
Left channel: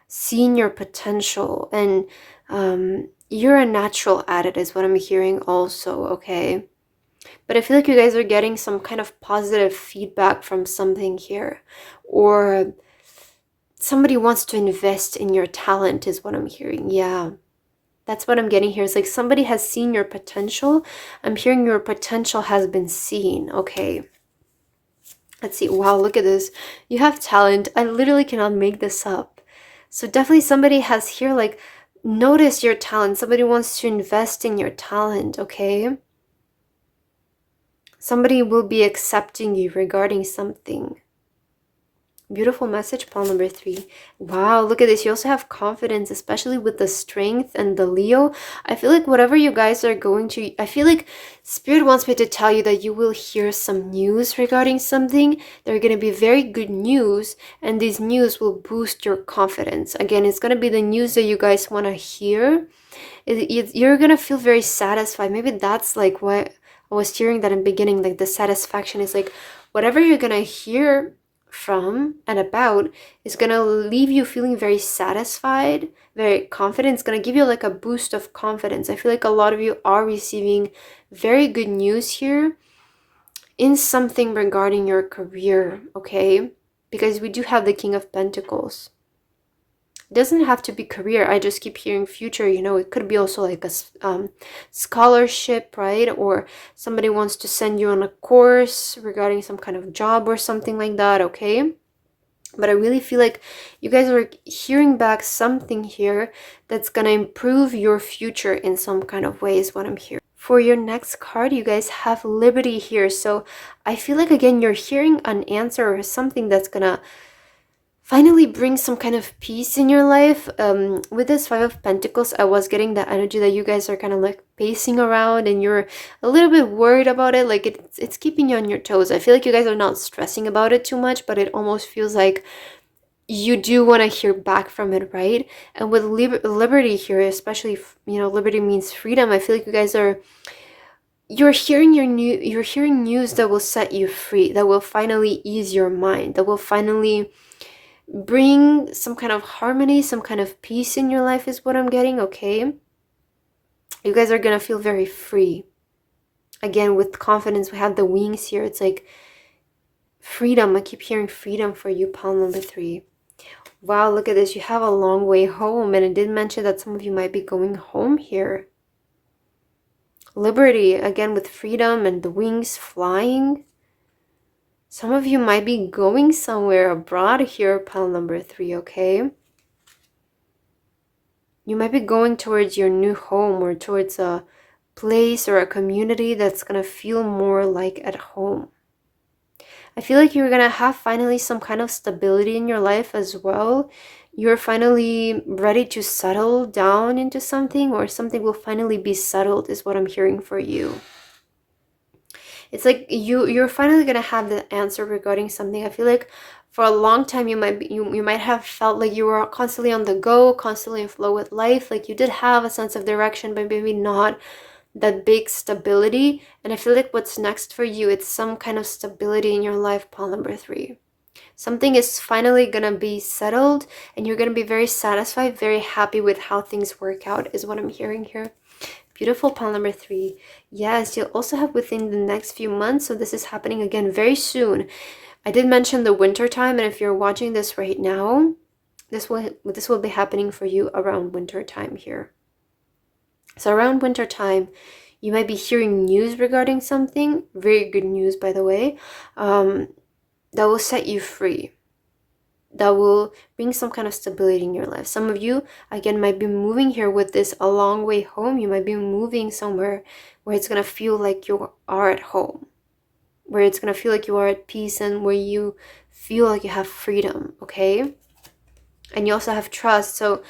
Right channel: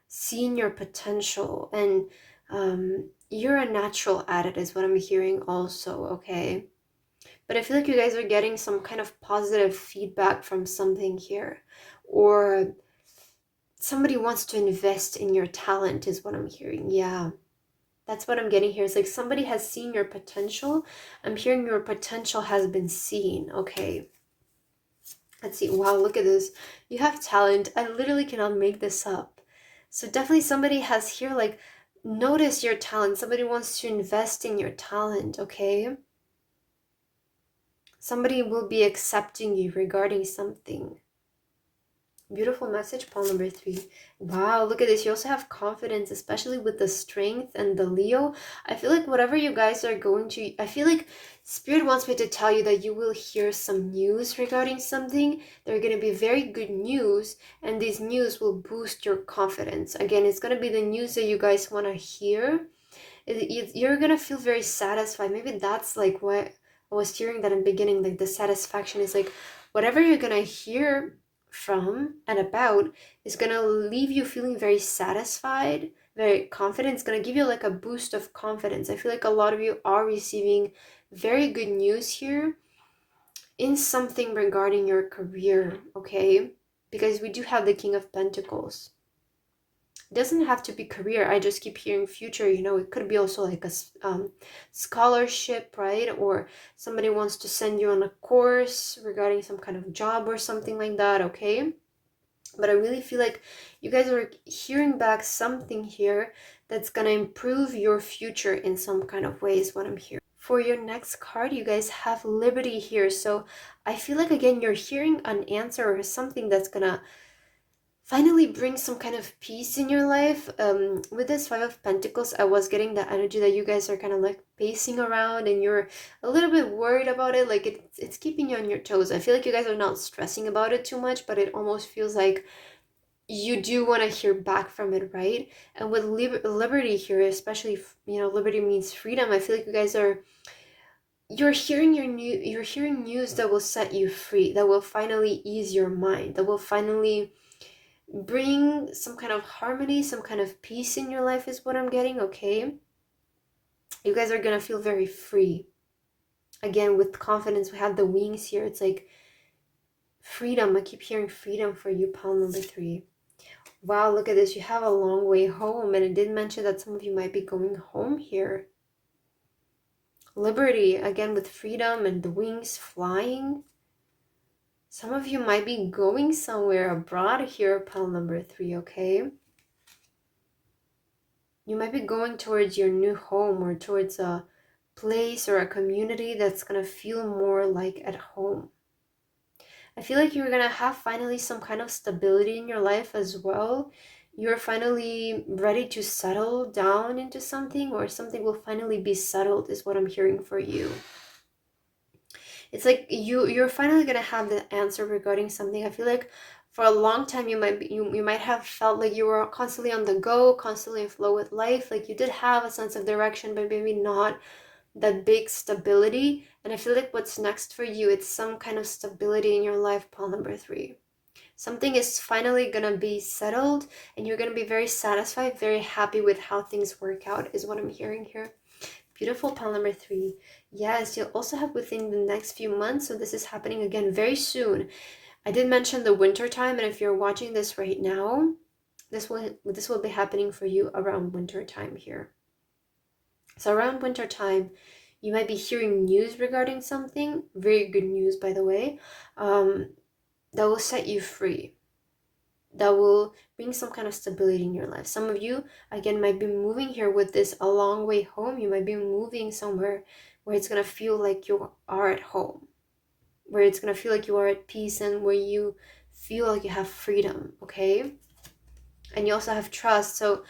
seen your potential, and you're a natural at it is what I'm hearing also, okay? But I feel like you guys are getting some kind of positive feedback from something here, or somebody wants to invest in your talent is what I'm hearing. Yeah, that's what I'm getting here. It's like somebody has seen your potential. I'm hearing your potential has been seen, okay? Let's see. Wow, look at this. You have talent. I literally cannot make this up. So definitely somebody has here, like, notice your talent. Somebody wants to invest in your talent, okay? Somebody will be accepting you regarding something. Beautiful message, pile number 3. Wow, look at this. You also have confidence, especially with the strength and the Leo. I feel like whatever you guys are going to, I feel like Spirit wants me to tell you that you will hear some news regarding something. They're going to be very good news, and these news will boost your confidence. Again, it's going to be the news that you guys want to hear. You're going to feel very satisfied. Maybe that's like what I was hearing that in the beginning, like the satisfaction is like whatever you're going to hear from and about is going to leave you feeling very satisfied, very confident. It's going to give you like a boost of confidence. I feel like a lot of you are receiving very good news here in something regarding your career, okay? Because we do have the King of Pentacles. It doesn't have to be career. I just keep hearing future. You know, it could be also like a scholarship, right? Or somebody wants to send you on a course regarding some kind of job or something like that, okay? But I really feel like you guys are hearing back something here that's going to improve your future in some kind of way is what I'm hearing. For your next card, you guys have Liberty here. So I feel like, again, you're hearing an answer or something that's going to finally bring some kind of peace in your life. With this Five of Pentacles, I was getting the energy that you guys are kind of like pacing around and you're a little bit worried about it. Like it's keeping you on your toes. I feel like you guys are not stressing about it too much, but it almost feels like you do want to hear back from it, right? And with liberty here, especially, you know, liberty means freedom. I feel like you guys are, you're hearing news that will set you free, that will finally ease your mind, that will finally bring some kind of harmony, some kind of peace in your life is what I'm getting, okay? You guys are gonna feel very free. Again, with confidence, we have the wings here. It's like freedom. I keep hearing freedom for you, pile number 3. Wow, look at this. You have a long way home, and it did mention that some of you might be going home here. Liberty, again, with freedom and the wings flying. Some of you might be going somewhere abroad here, pile number 3, okay? You might be going towards your new home or towards a place or a community that's going to feel more like at home. I feel like you're going to have finally some kind of stability in your life as well. You're finally ready to settle down into something, or something will finally be settled is what I'm hearing for you. It's like you're finally going to have the answer regarding something. I feel like For a long time, you might have felt like you were constantly on the go, constantly in flow with life. Like you did have a sense of direction, but maybe not that big stability. And I feel like what's next for you, it's some kind of stability in your life, pile number 3. Something is finally gonna be settled, and you're gonna be very satisfied, very happy with how things work out, is what I'm hearing here. Beautiful, pile number 3. Yes, you'll also have within the next few months, so this is happening again very soon. I did mention the winter time, and if you're watching this right now, this will be happening for you around winter time here. So around winter time, you might be hearing news regarding something, very good news by the way, that will set you free, that will bring some kind of stability in your life. Some of you, again, might be moving here with this a long way home. You might be moving somewhere where it's going to feel like you are at home, where it's going to feel like you are at peace, and where you feel like you have freedom, okay? And you also have trust. So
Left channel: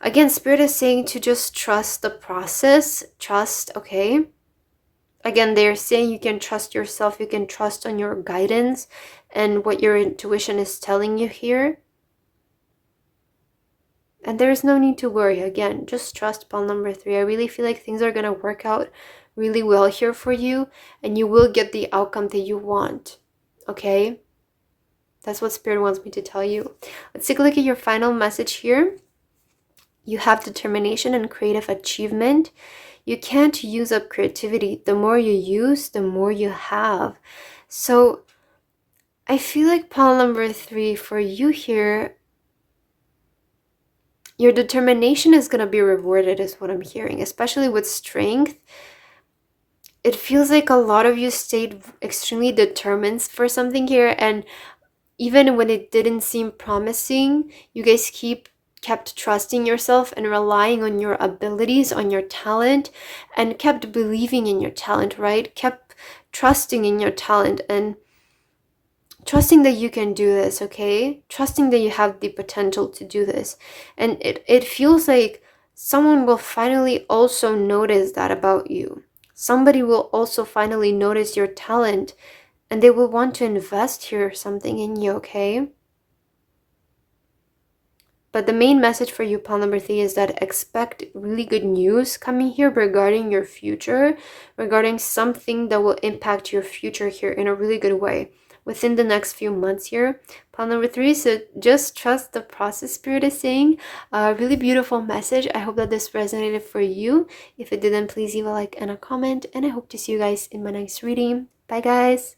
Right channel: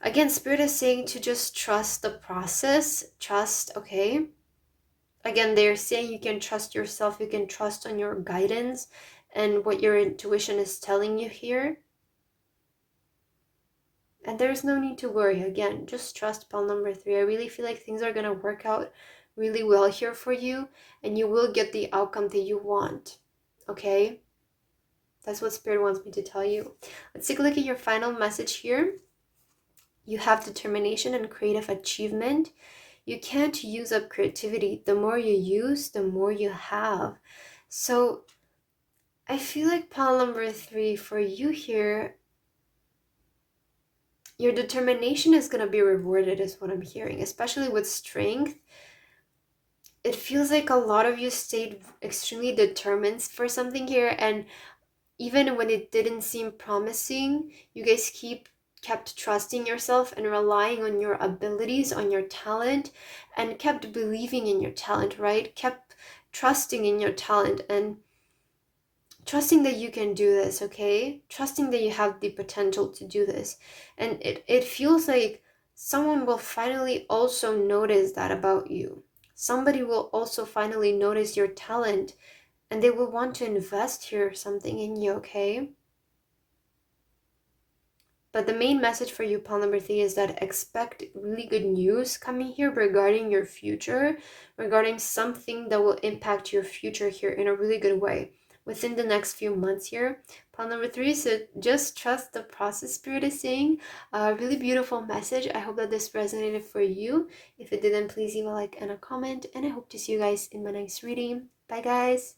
again, Spirit is saying to just trust the process, trust, okay? Again, they're saying you can trust yourself, you can trust on your guidance and what your intuition is telling you here. And there's no need to worry. Again, just trust, pile number 3. I really feel like things are going to work out really well here for you, and you will get the outcome that you want, okay? That's what Spirit wants me to tell you. Let's take a look at your final message here. You have determination and creative achievement. You can't use up creativity. The more you use, the more you have. So I feel like pile number 3 for you here, your determination is going to be rewarded, is what I'm hearing, especially with strength. It feels like a lot of you stayed extremely determined for something here, and even when it didn't seem promising, you guys kept trusting yourself and relying on your abilities, on your talent, and kept believing in your talent, right? Kept trusting in your talent and trusting that you can do this, okay? Trusting that you have the potential to do this. And it feels like someone will finally also notice that about you. Somebody will also finally notice your talent, and they will want to invest here something in you, okay? But the main message for you, pile number 3, is that expect really good news coming here regarding your future, regarding something that will impact your future here in a really good way within the next few months here. Pile number 3, so just trust the process, Spirit is saying. A really beautiful message. I hope that this resonated for you. If it didn't, please leave a like and a comment, and I hope to see you guys in my next reading. Bye, guys.